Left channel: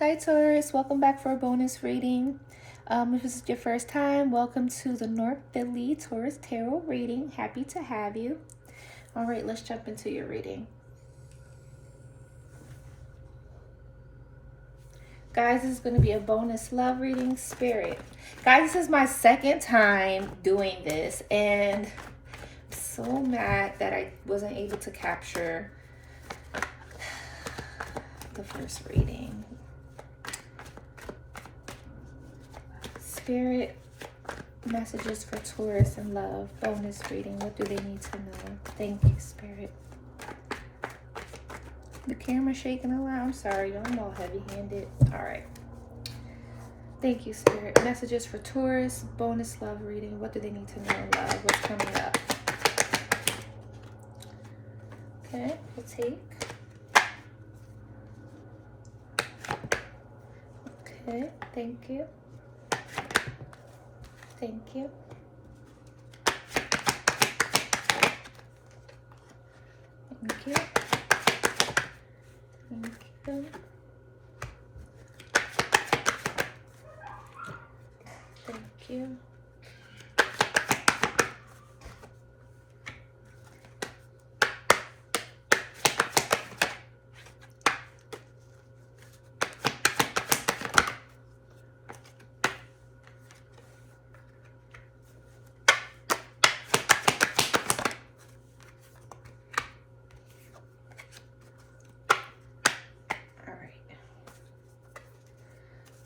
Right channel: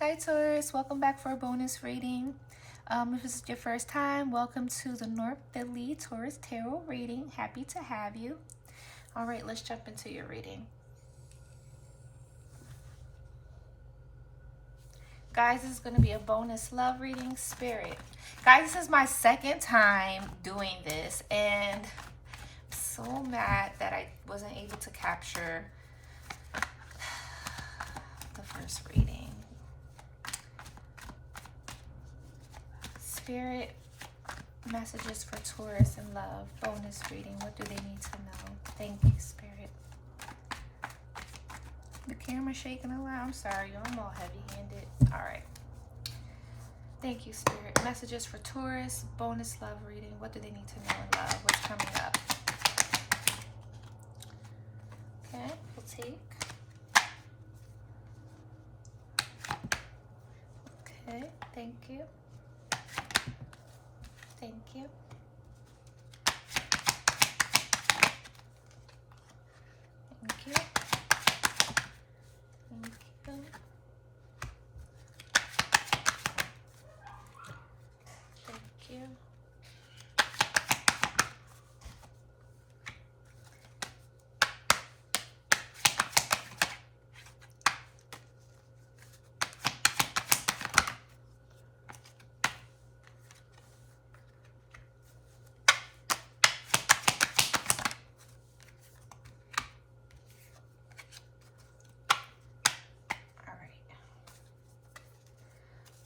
Hi Taurus, welcome back for a bonus reading. If this is your first time, welcome to the North Philly Taurus Tarot reading. Happy to have you. All right, let's jump into your reading. Guys, this is going to be a bonus love reading. Spirit. Guys, this is my second time doing this, and I'm so mad that I wasn't able to capture the first reading. Spirit, messages for Taurus and love. Bonus reading. What do they need to know? Thank you, Spirit. The camera's shaking a lot. I'm sorry, y'all. I'm all heavy-handed. All right. Thank you, Spirit. Messages for Taurus. Bonus love reading. What do they need to know in love? What's coming up? Okay, we'll take. Okay, thank you. Thank you. Thank you. Thank you. Thank you.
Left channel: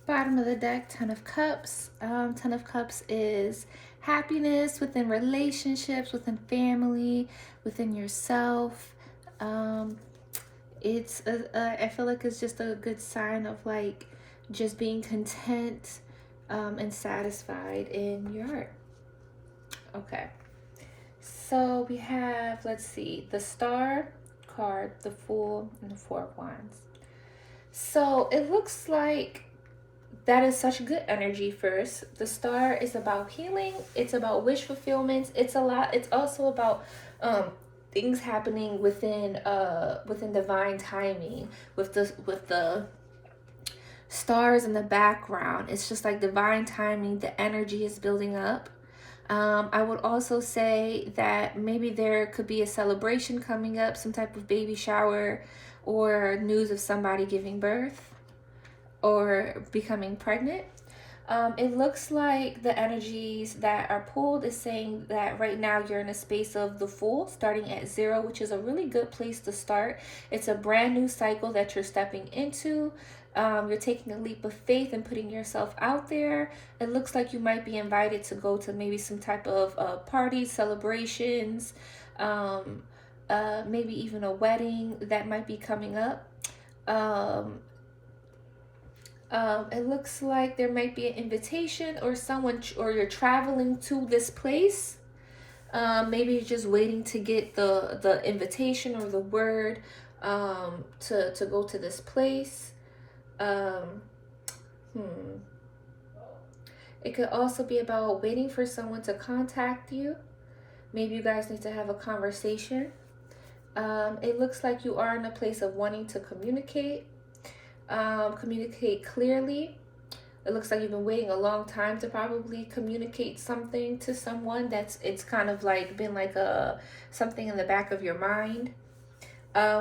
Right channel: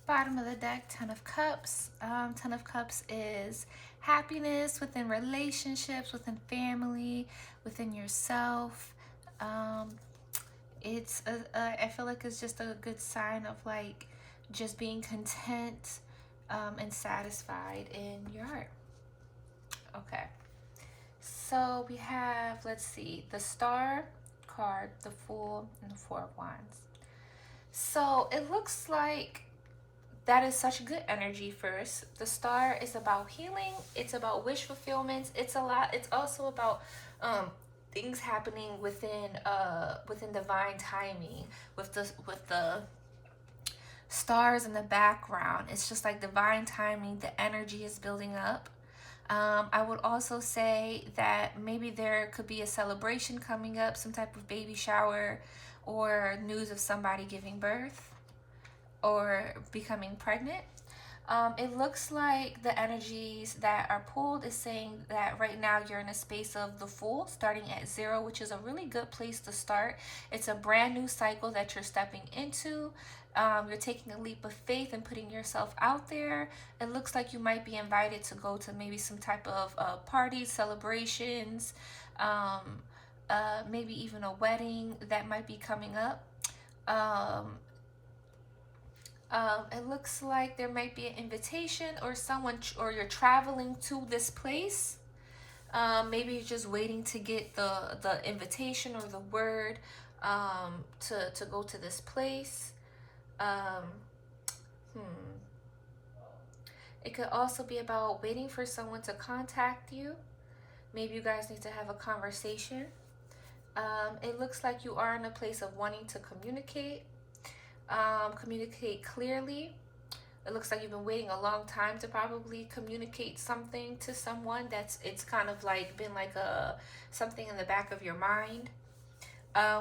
Bottom of the deck, Ten of Cups. Ten of Cups is happiness within relationships, within family, within yourself. I feel like it's just a good sign of like just being content and satisfied in your heart. Okay. So we have, let's see, the Star card, the Fool, and the Four of Wands. So it looks like that is such good energy. First, the Star is about healing. It's about wish fulfillment. It's also about things happening within divine timing. With the stars in the background, it's just like divine timing. The energy is building up. I would also say that maybe there could be a celebration coming up, some type of baby shower, or news of somebody giving birth or becoming pregnant. It looks like the energies that are pulled is saying that right now you're in a space of the Fool, starting at 0, which is a really good place to start. It's a brand new cycle that you're stepping into. You're taking a leap of faith and putting yourself out there. It looks like you might be invited to go to maybe some type of parties, celebrations, maybe even a wedding that might be coming up. It looks like there might be an invitation or or you're traveling to this place. Maybe you're just waiting to get the invitation or the word to go to this place. It could also be about waiting for someone to contact you. Maybe you guys need to have a conversation. It looks like you are in a place of wanting to communicate clearly. It looks like you've been waiting a long time to probably communicate something to someone. It's kind of like been like something in the back of your mind.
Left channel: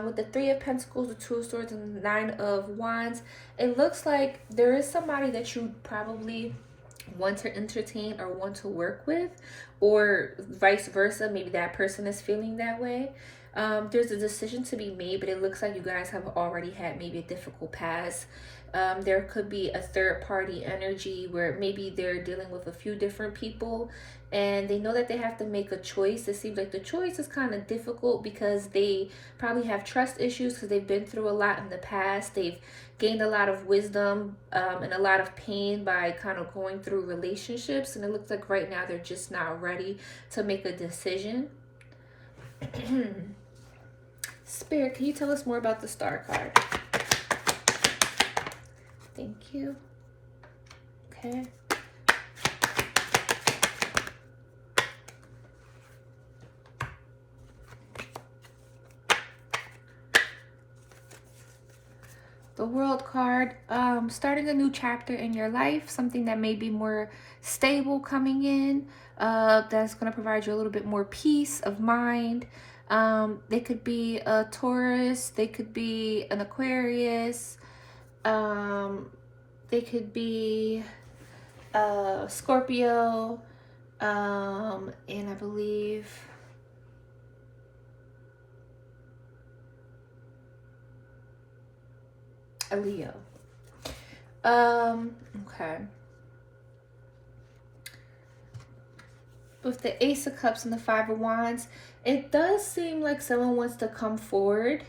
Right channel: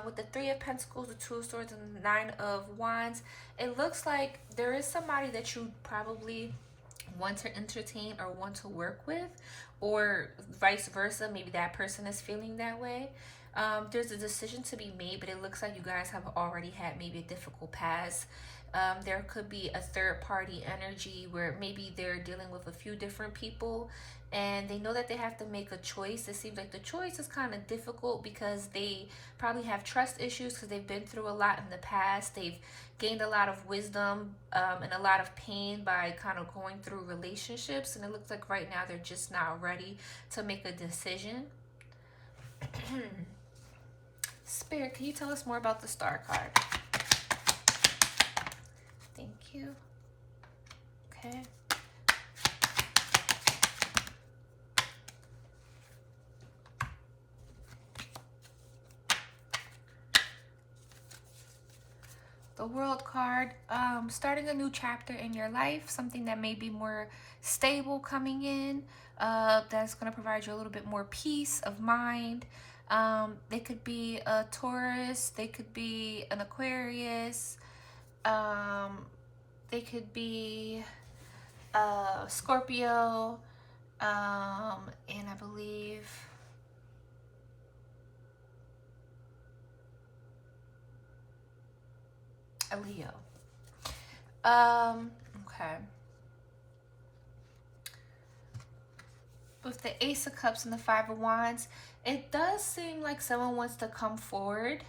With the Three of Pentacles, the Two of Swords, and the Nine of Wands, it looks like there is somebody that you probably want to entertain or want to work with, or vice versa. Maybe that person is feeling that way. There's a decision to be made, but it looks like you guys have already had maybe a difficult past. There could be a third party energy where maybe they're dealing with a few different people and they know that they have to make a choice. It seems like the choice is kind of difficult because they probably have trust issues because they've been through a lot in the past. They've gained a lot of wisdom and a lot of pain by kind of going through relationships, and it looks like right now they're just not ready to make a decision. Spirit, can you tell us more about the Star card? Thank you. Okay. The World card, starting a new chapter in your life, something that may be more stable coming in, that's going to provide you a little bit more peace of mind. They could be a Taurus, they could be an Aquarius, they could be Scorpio, and I believe a Leo. Okay. With the Ace of Cups and the Five of Wands, it does seem like someone wants to come forward.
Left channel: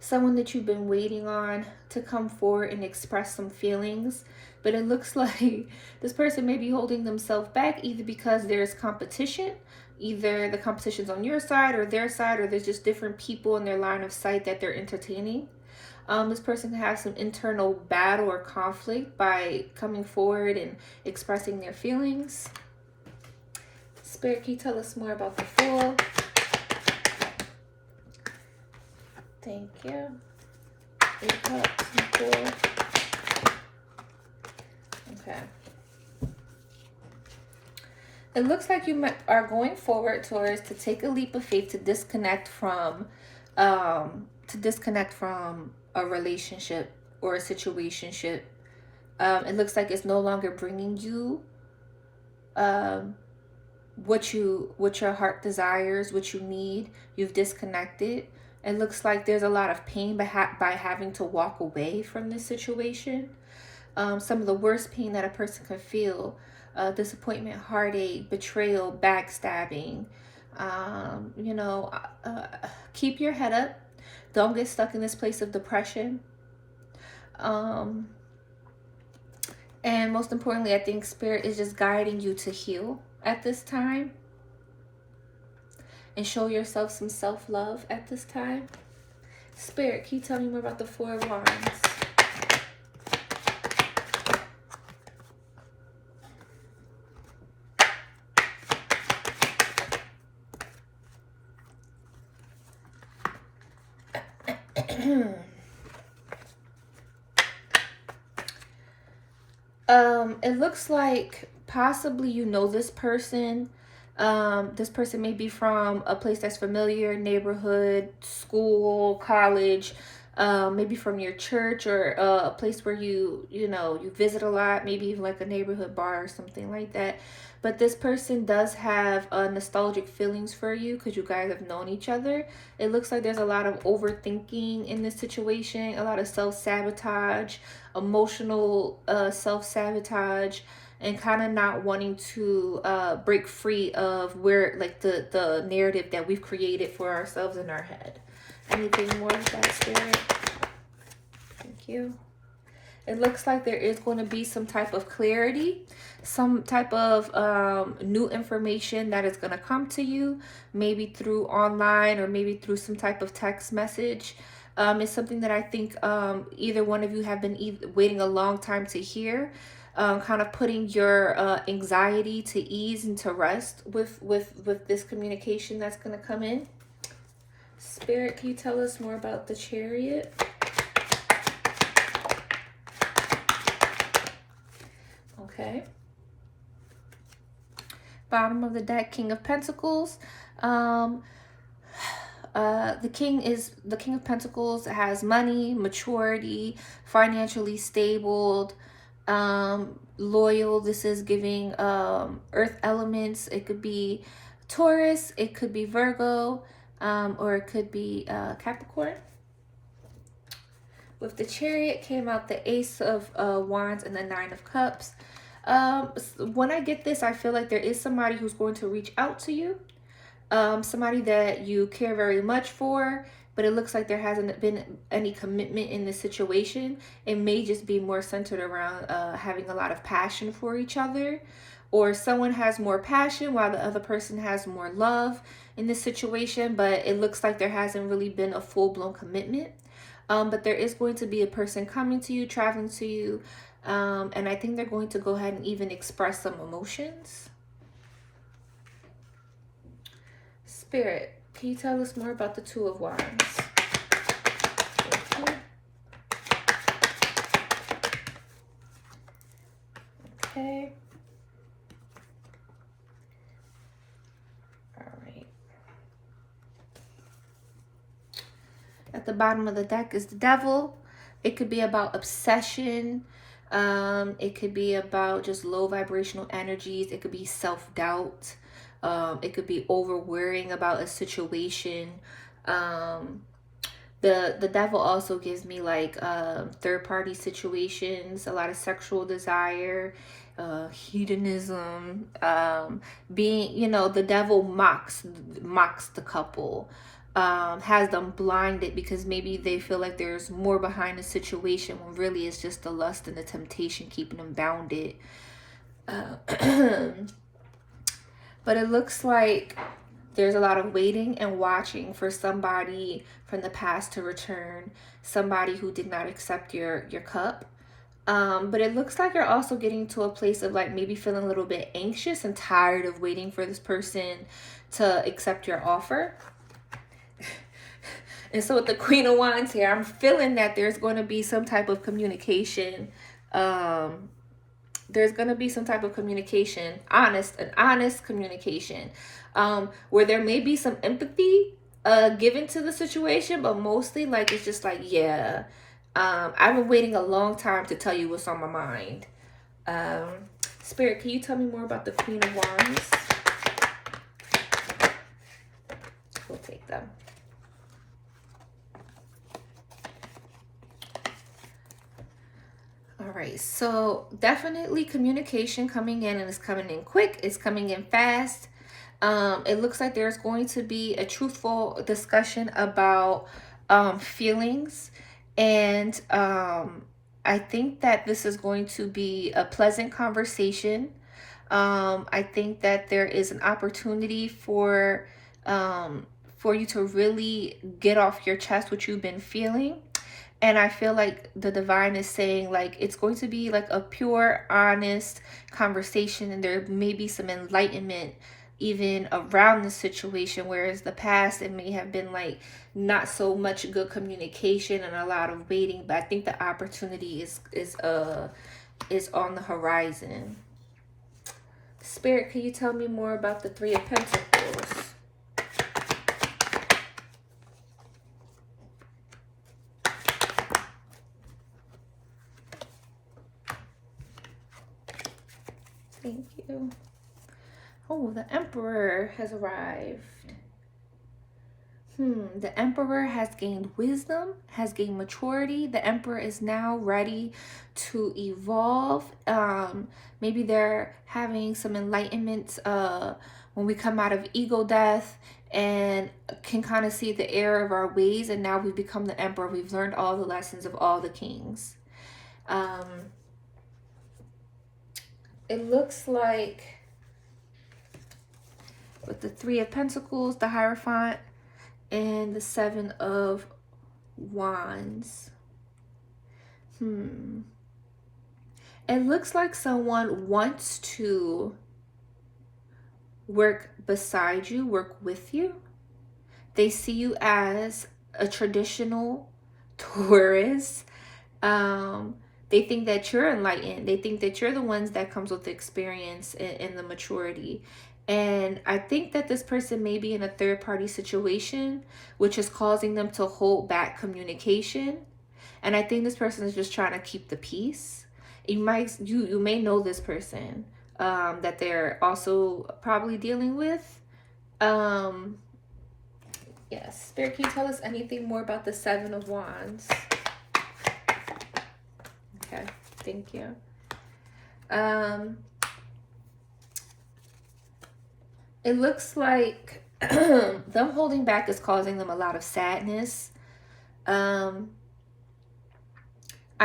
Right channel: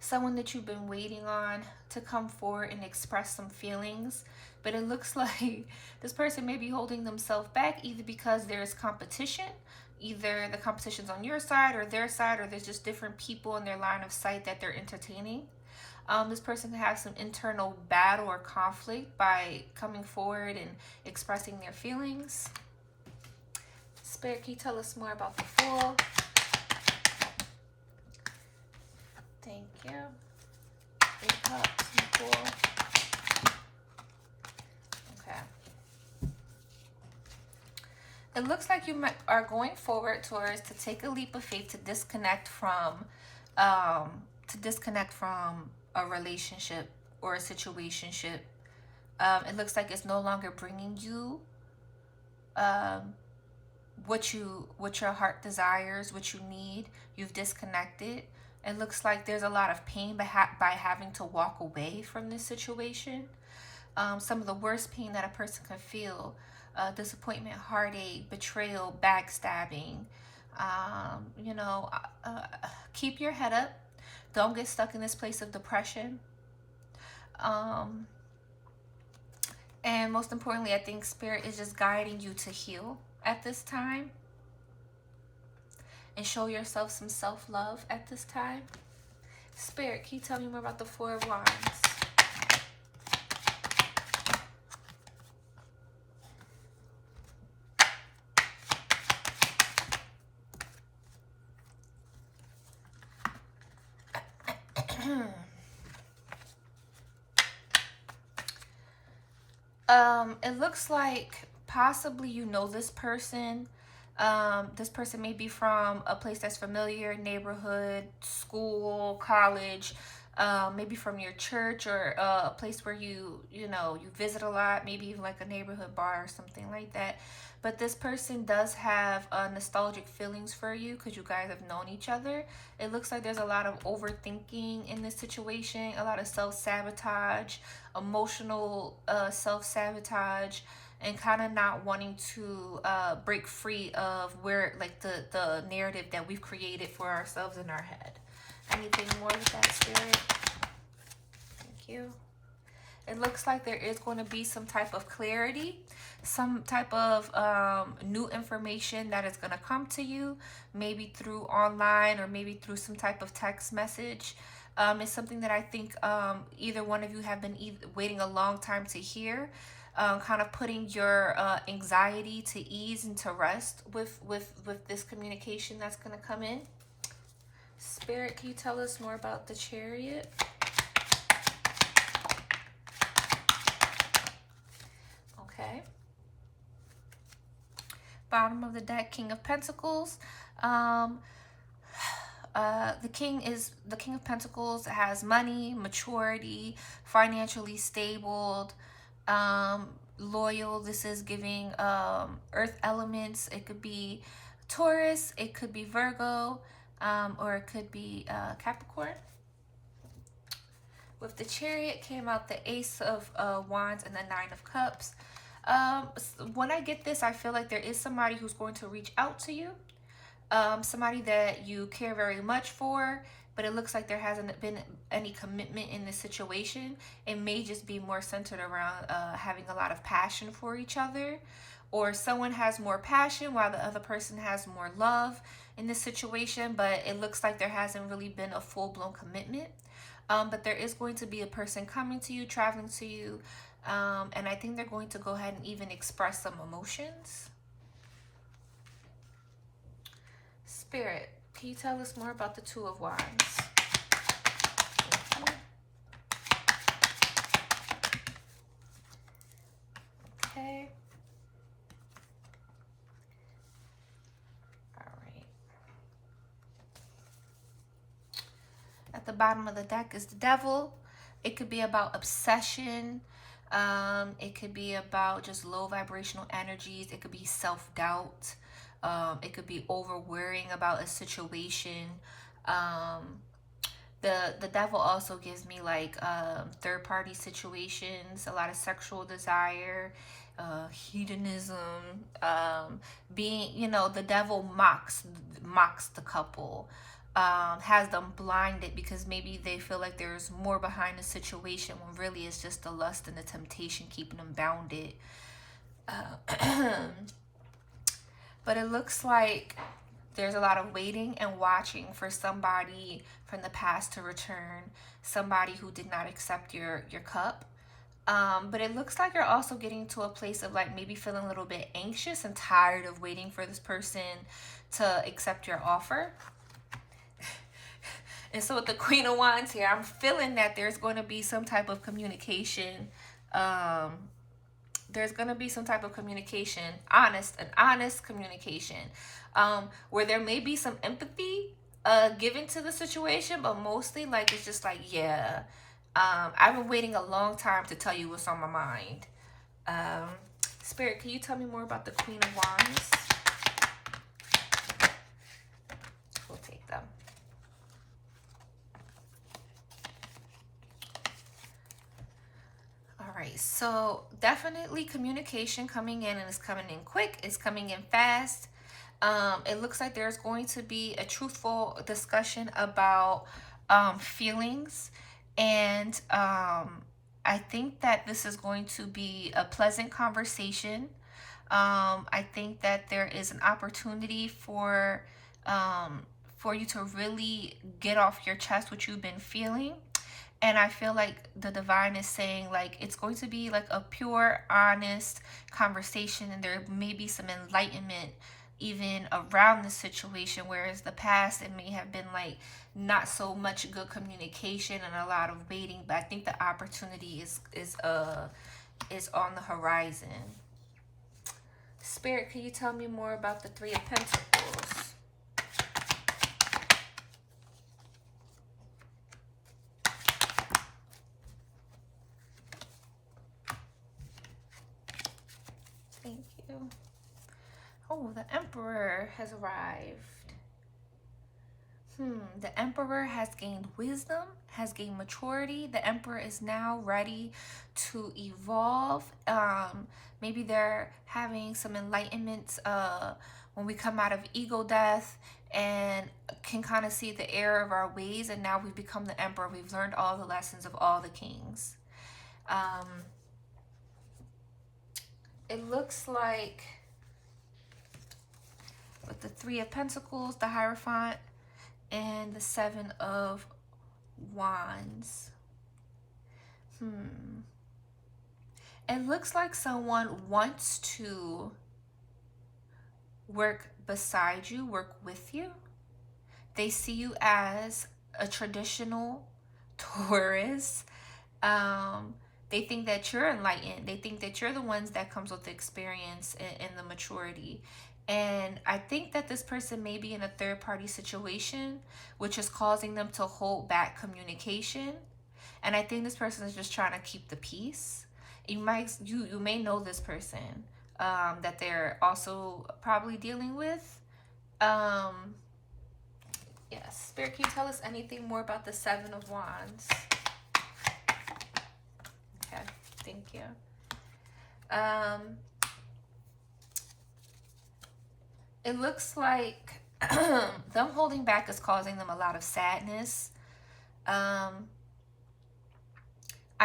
Someone that you've been waiting on to come forward and express some feelings. But it looks like this person may be holding themselves back, either because there's competition, either the competition's on your side or their side, or there's just different people in their line of sight that they're entertaining. This person can have some internal battle or conflict by coming forward and expressing their feelings. Spirit, can you tell us more about the Fool? Thank you. 8 Cups and Fool. Okay. It looks like you are going forward towards to take a leap of faith to disconnect from a relationship or a situationship. It looks like it's no longer bringing you what your heart desires, what you need. You've disconnected. It looks like there's a lot of pain by having to walk away from this situation. Some of the worst pain that a person can feel: disappointment, heartache, betrayal, backstabbing. Keep your head up. Don't get stuck in this place of depression. And most importantly, I think Spirit is just guiding you to heal at this time. And show yourself some self-love at this time. Spirit, can you tell me more about the Four of Wands? It looks like possibly you know this person. This person may be from a place that's familiar, neighborhood, school, college, maybe from your church, or a place where you visit a lot, maybe even like a neighborhood bar or something like that. But this person does have nostalgic feelings for you because you guys have known each other. It looks like there's a lot of overthinking in this situation, a lot of self-sabotage, emotional self-sabotage, and kind of not wanting to break free of where, like, the narrative that we've created for ourselves in our head. Anything more with that, Spirit? Thank you. It looks like there is going to be some type of clarity, some type of new information that is going to come to you, maybe through online or maybe through some type of text message. It's something that I think either one of you have been waiting a long time to hear. Kind of putting your anxiety to ease and to rest with this communication that's going to come in. Spirit, can you tell us more about the Chariot? Okay. Bottom of the deck, King of Pentacles. The King of Pentacles has money, maturity, financially stable, loyal. This is giving earth elements. It could be Taurus, it could be Virgo, or it could be Capricorn. With the Chariot came out the Ace of Wands and the Nine of Cups. When I get this, I feel like there is somebody who's going to reach out to you, somebody that you care very much for, but it looks like there hasn't been any commitment in this situation. It may just be more centered around having a lot of passion for each other, or someone has more passion while the other person has more love in this situation, but it looks like there hasn't really been a full-blown commitment. But there is going to be a person coming to you, traveling to you, and I think they're going to go ahead and even express some emotions. Spirit, can you tell us more about the Two of Wands? Thank you. Okay. All right. At the bottom of the deck is the Devil. It could be about obsession. It could be about just low vibrational energies. It could be self-doubt. It could be over worrying about a situation. The Devil also gives me like third party situations, a lot of sexual desire, hedonism, being, you know, the Devil mocks the couple, has them blinded because maybe they feel like there's more behind the situation when really it's just the lust and the temptation keeping them bounded. But it looks like there's a lot of waiting and watching for somebody from the past to return, somebody who did not accept your cup. But it looks like you're also getting to a place of like maybe feeling a little bit anxious and tired of waiting for this person to accept your offer. And so with the Queen of Wands here, I'm feeling that there's going to be some type of communication. There's going to be some type of communication, an honest communication, where there may be some empathy given to the situation, but mostly like it's just like, yeah, I've been waiting a long time to tell you what's on my mind. Spirit, can you tell me more about the Queen of Wands? We'll take them. All right, so definitely communication coming in, and it's coming in quick. It's coming in fast. It looks like there's going to be a truthful discussion about feelings, and I think that this is going to be a pleasant conversation. I think that there is an opportunity for you to really get off your chest what you've been feeling. And I feel like the divine is saying like it's going to be like a pure, honest conversation, and there may be some enlightenment even around the situation, whereas the past it may have been like not so much good communication and a lot of waiting. But I think the opportunity is on the horizon. Spirit, can you tell me more about the Three of Pentacles? Thank you. Oh, the Emperor has arrived. The Emperor has gained wisdom, has gained maturity. The Emperor is now ready to evolve. Maybe they're having some enlightenment when we come out of ego death and can kind of see the error of our ways. And now we've become the Emperor. We've learned all the lessons of all the kings. It looks like with the Three of Pentacles, the Hierophant, and the Seven of Wands. It looks like someone wants to work beside you, work with you. They see you as a traditional Taurus. They think that you're enlightened. They think that you're the ones that comes with the experience and the maturity. And I think that this person may be in a third-party situation, which is causing them to hold back communication. And I think this person is just trying to keep the peace. You may know this person that they're also probably dealing with. Yes, Spirit, can you tell us anything more about the Seven of Wands? Okay, thank you. It looks like them holding back is causing them a lot of sadness. I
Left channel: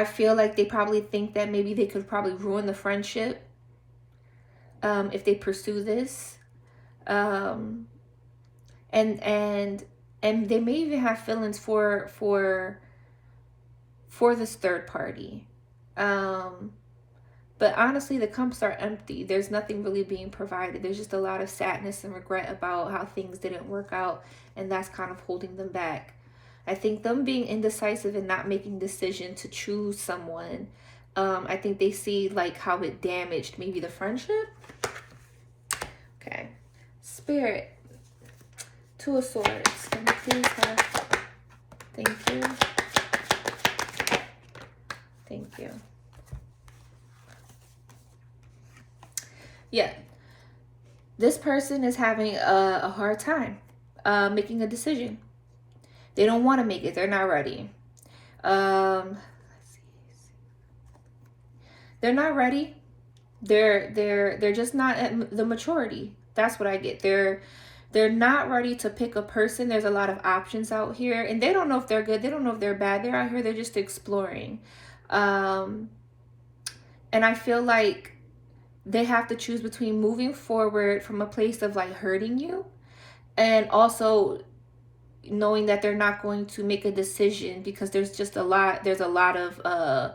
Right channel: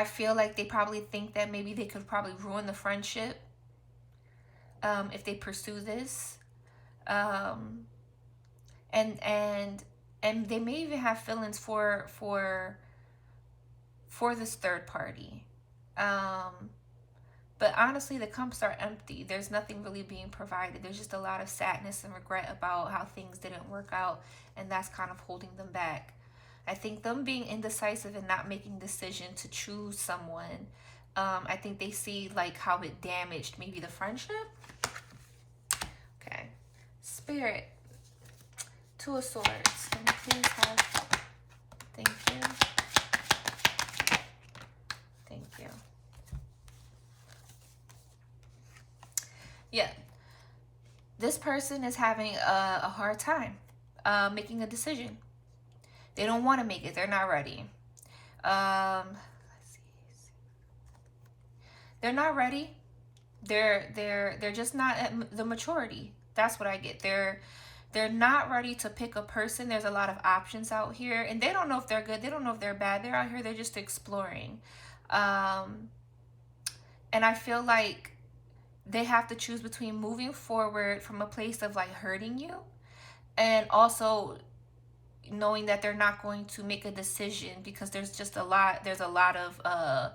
feel like they probably think that maybe they could probably ruin the friendship if they pursue this. And they may even have feelings for this third party. But honestly, the cups are empty. There's nothing really being provided. There's just a lot of sadness and regret about how things didn't work out, and that's kind of holding them back. I think them being indecisive and not making decision to choose someone I think they see like how it damaged maybe the friendship. Okay. Spirit. Two of Swords. Can you please have... Thank you. Thank you. Yeah. This person is having a hard time making a decision. They don't want to make it. They're not ready. Let's see. They're not ready. They're just not at the maturity. That's what I get. They're not ready to pick a person. There's a lot of options out here, and they don't know if they're good. They don't know if they're bad. They're out here. They're just exploring. And I feel like they have to choose between moving forward from a place of like hurting you, and also knowing that they're not going to make a decision because there's just a lot. There's a lot on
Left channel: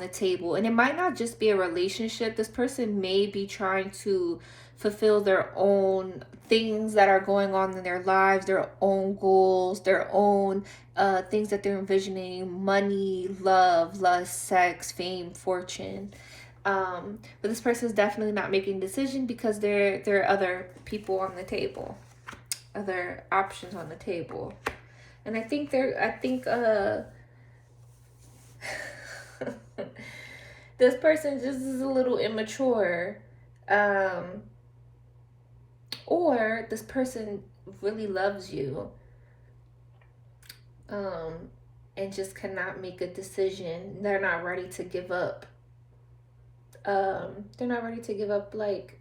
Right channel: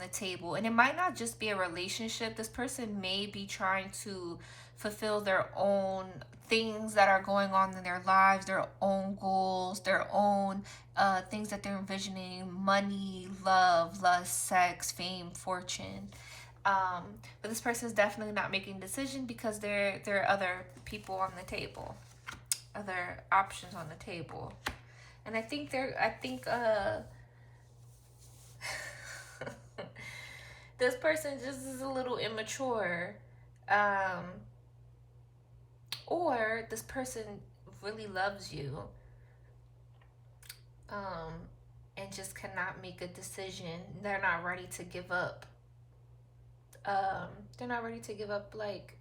the table, and it might not just be a relationship. This person may be trying to fulfill their own things that are going on in their lives, their own goals, their own things that they're envisioning: money, love, lust, sex, fame, fortune. But this person is definitely not making a decision because there are other people on the table, other options on the table. And I think this person just is a little immature, or this person really loves you, and just cannot make a decision. They're not ready to give up. They're not ready to give up like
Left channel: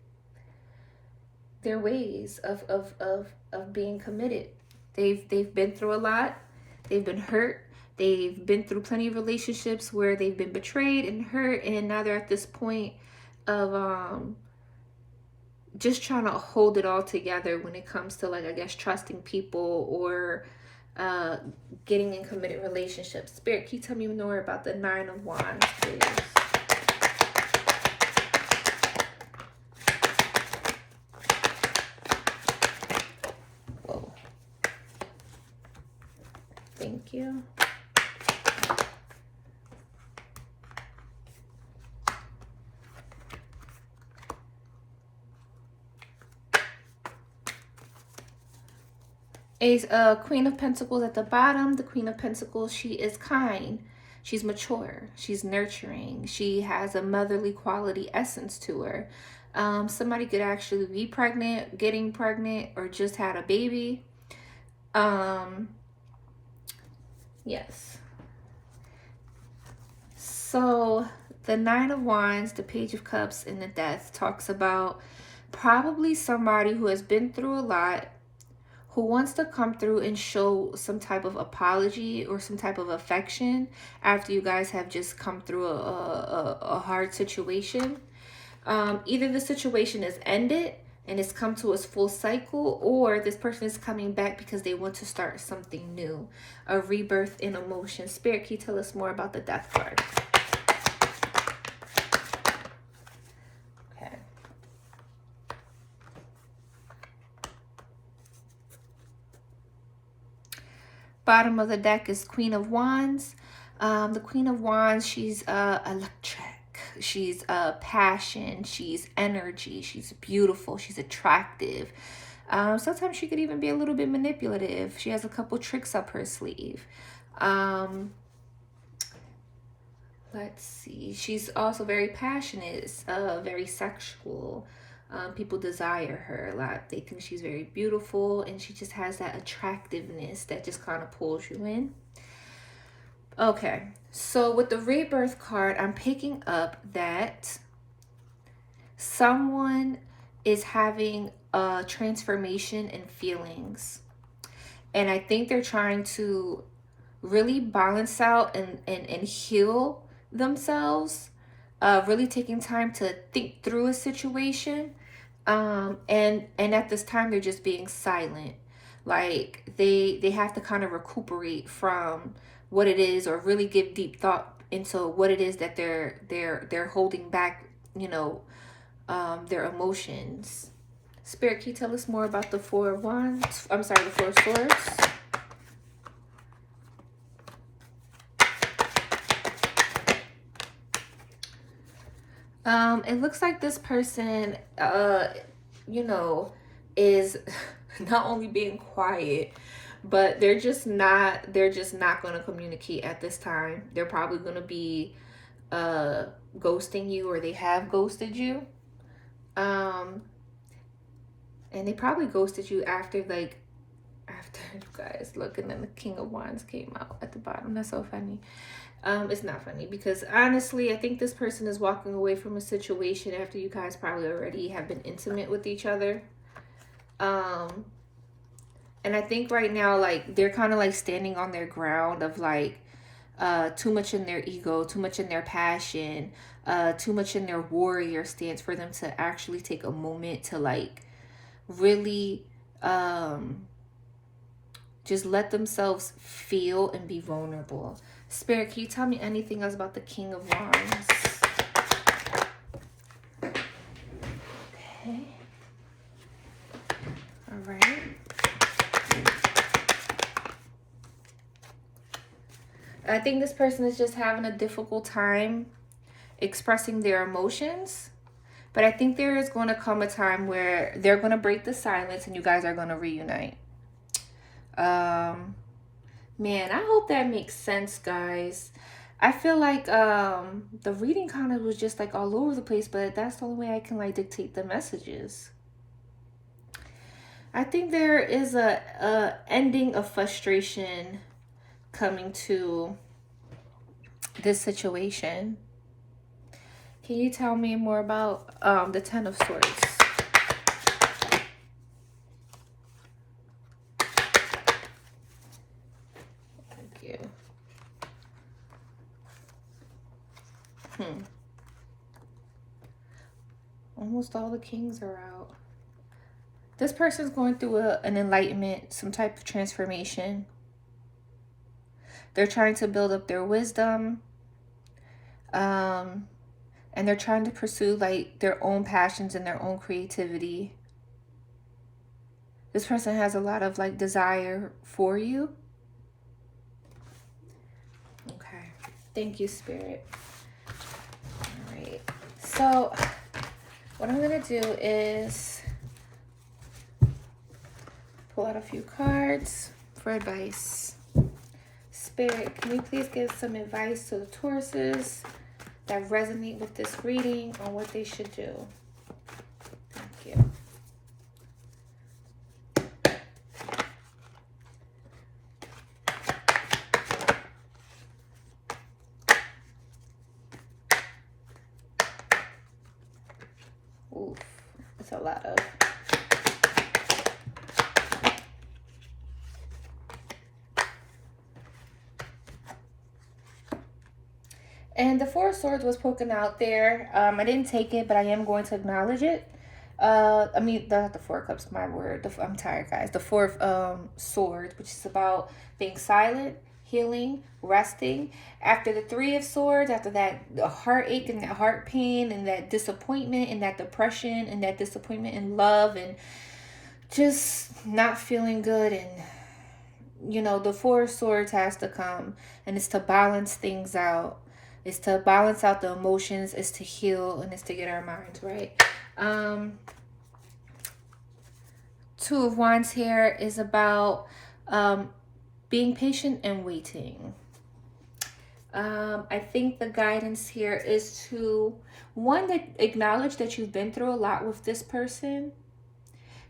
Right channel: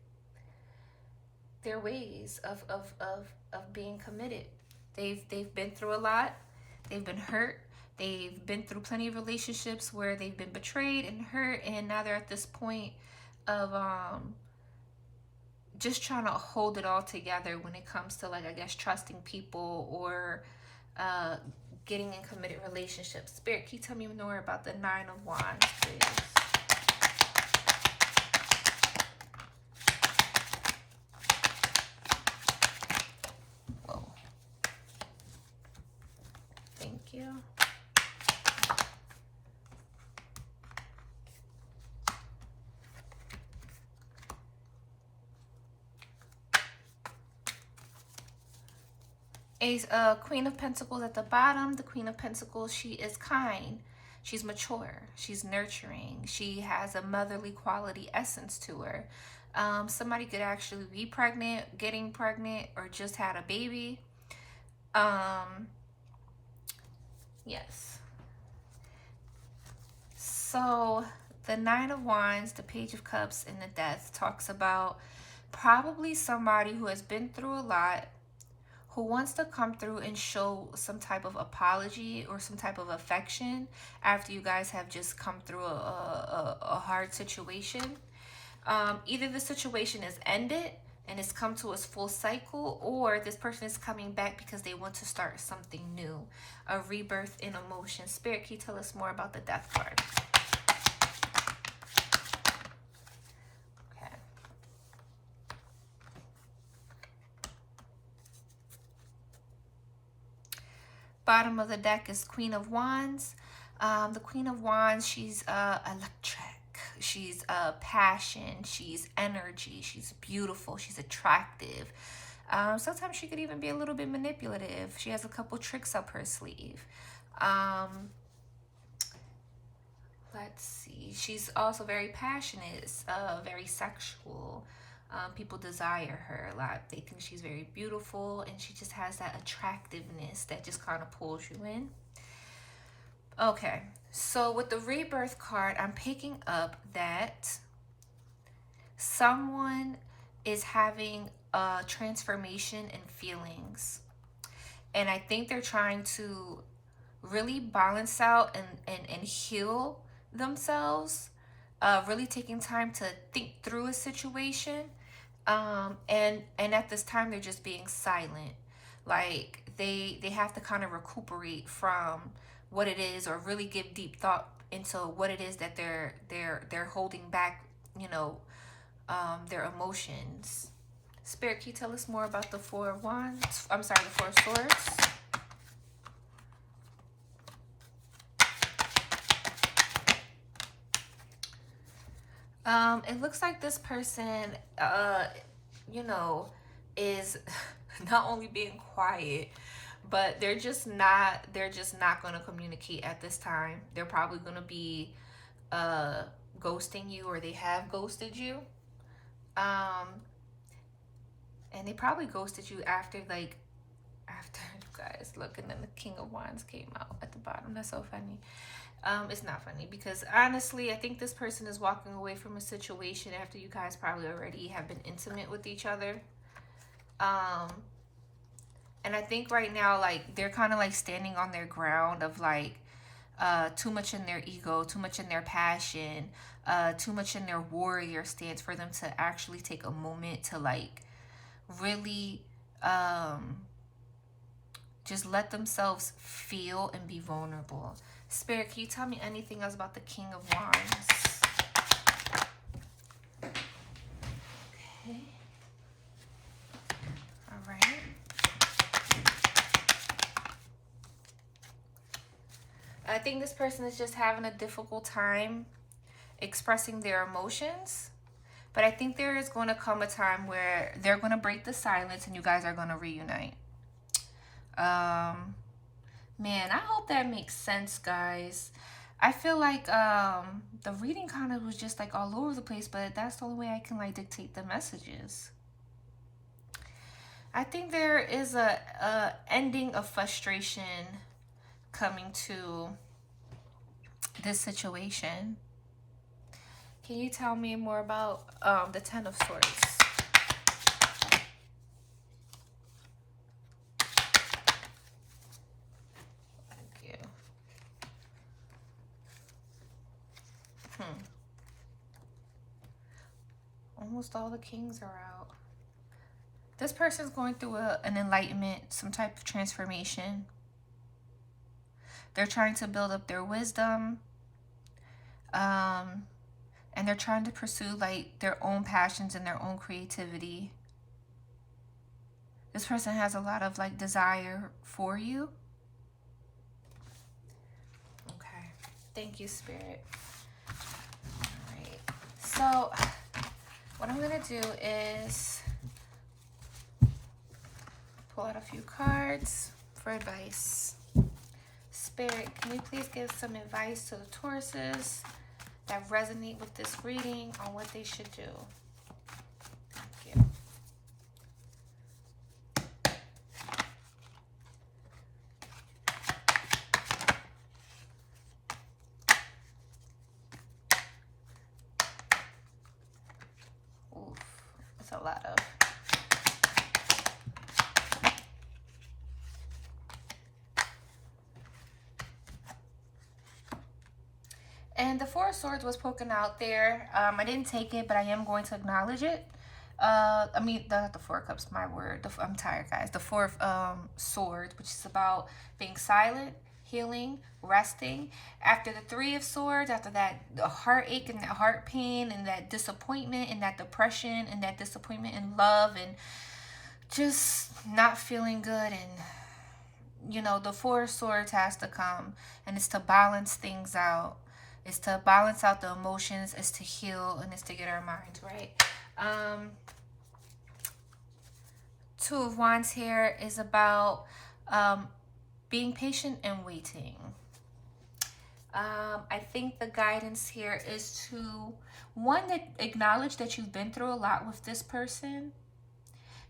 their ways of being committed. They've been through a lot. They've been hurt. They've been through plenty of relationships where they've been betrayed and hurt, and now they're at this point of just trying to hold it all together when it comes to, like, I guess, trusting people or getting in committed relationships. Spirit, can you tell me more about the Nine of Wands, please? Whoa. Thank you. Queen of Pentacles at the bottom. The Queen of Pentacles, she is kind. She's mature. She's nurturing. She has a motherly quality essence to her. Somebody could actually be pregnant, getting pregnant, or just had a baby. Yes. So the Nine of Wands, the Page of Cups, and the Death talks about probably somebody who has been through a lot, who wants to come through and show some type of apology or some type of affection after you guys have just come through a hard situation. Either the situation is ended and it's come to its full cycle, or this person is coming back because they want to start something new, a rebirth in emotion. Spirit, can you tell us more about the Death card? Bottom of the deck is Queen of Wands. The Queen of Wands, she's electric. She's passion. She's energy. She's beautiful. She's attractive. Sometimes she could even be a little bit manipulative. She has a couple tricks up her sleeve. Let's see. She's also very passionate, very sexual. People desire her a lot. They think she's very beautiful, and she just has that attractiveness that just kind of pulls you in. Okay, so with the Rebirth card, I'm picking up that someone is having a transformation in feelings, and I think they're trying to really balance out and heal themselves, really taking time to think through a situation. And at this time they're just being silent. Like they have to kind of recuperate from what it is, or really give deep thought into what it is that they're holding back, you know, their emotions. Spirit, can you tell us more about the Four of Wands? I'm sorry, the Four of Swords. It looks like this person, you know, is not only being quiet, but they're just not going to communicate at this time. They're probably going to be ghosting you, or they have ghosted you. Um, and they probably ghosted you after after you guys look, and then the King of Wands came out at the bottom. That's so funny. It's not funny because honestly, I think this person is walking away from a situation after you guys probably already have been intimate with each other. And I think right now, like, they're kind of like standing on their ground of like too much in their ego, too much in their passion, too much in their warrior stance for them to actually take a moment to like really just let themselves feel and be vulnerable. Spirit, can you tell me anything else about the King of Wands? Okay. All right. I think this person is just having a difficult time expressing their emotions. But I think there is going to come a time where they're going to break the silence and you guys are going to reunite. Man, I hope that makes sense, guys. I feel like the reading kind of was just like all over the place, but that's the only way I can like dictate the messages. I think there is a ending of frustration coming to this situation. Can you tell me more about the Ten of Swords? Almost all the kings are out. This person's going through an enlightenment, some type of transformation. They're trying to build up their wisdom. And they're trying to pursue like their own passions and their own creativity. This person has a lot of like desire for you. Okay. Thank you, Spirit. All right. So what I'm going to do is pull out a few cards for advice. Spirit, can you please give some advice to the Tauruses that resonate with this reading on what they should do? Thank you. Ooh, it's a lot of... And the Four of Swords was poking out there. I didn't take it, but I am going to acknowledge it. I mean, not the Four of Cups, my word. I'm tired, guys. The Four of Swords, which is about being silent, healing, resting. After the Three of Swords, after that heartache and that heart pain and that disappointment and that depression and that disappointment in love and just not feeling good, and you know, the Four of Swords has to come, and it's to balance things out. It's to balance out the emotions, it's to heal, and it's to get our minds right. Two of Wands here is about being patient and waiting. I think the guidance here is to, one, that acknowledge that you've been through a lot with this person.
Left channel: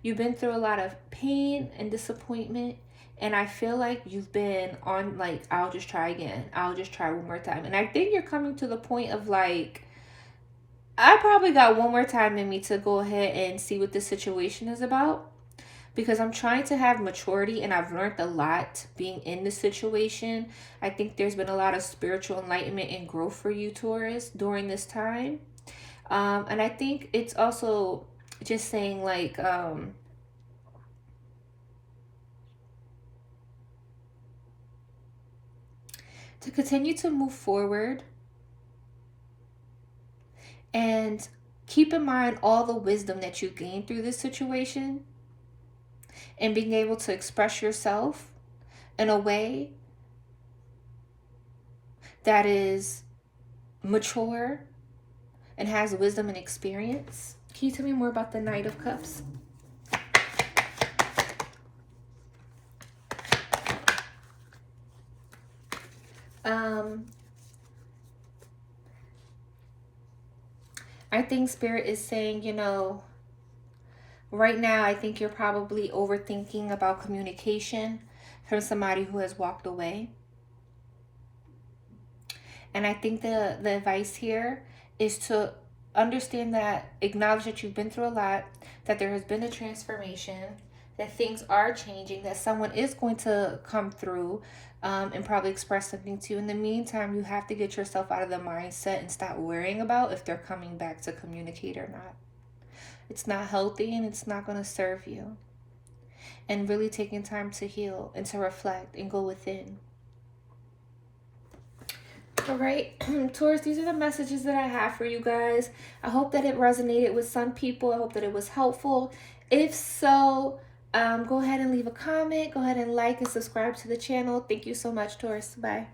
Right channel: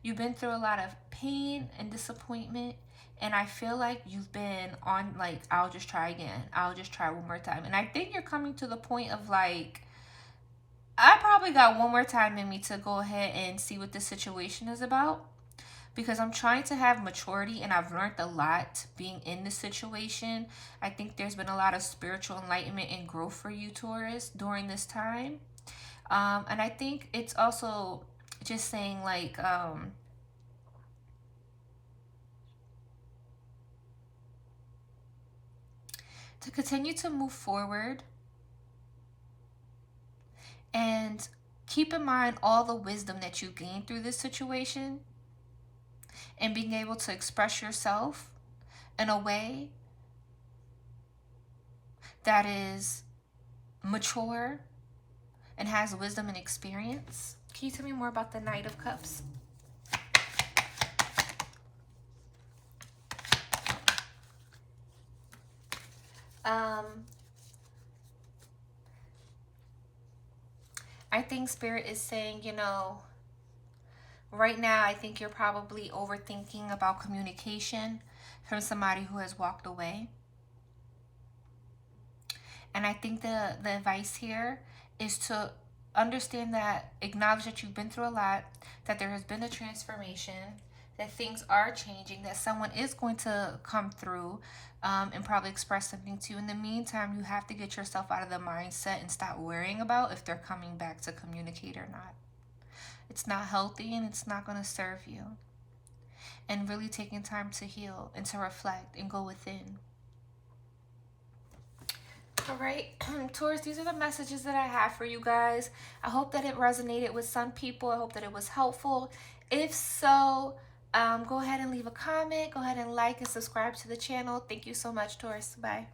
You've been through a lot of pain and disappointment. And I feel like you've been on like, I'll just try again. I'll just try one more time. And I think you're coming to the point of like, I probably got one more time in me to go ahead and see what the situation is about. Because I'm trying to have maturity, and I've learned a lot being in this situation. I think there's been a lot of spiritual enlightenment and growth for you, Taurus, during this time. And I think it's also just saying like, to continue to move forward and keep in mind all the wisdom that you gained through this situation, and being able to express yourself in a way that is mature and has wisdom and experience. Can you tell me more about the Knight of Cups? I think Spirit is saying, you know, right now I think you're probably overthinking about communication from somebody who has walked away. And I think the advice here is to understand that, acknowledge that you've been through a lot, that there has been a transformation, that things are changing, that someone is going to come through and probably express something to you. In the meantime, you have to get yourself out of the mindset and stop worrying about if they're coming back to communicate or not. It's not healthy and it's not going to serve you. And really taking time to heal and to reflect and go within. All right, Taurus, these are the messages that I have for you guys. I hope that it resonated with some people. I hope that it was helpful. If so, go ahead and leave a comment. Go ahead and like and subscribe to the channel. Thank you so much, Taurus. Bye.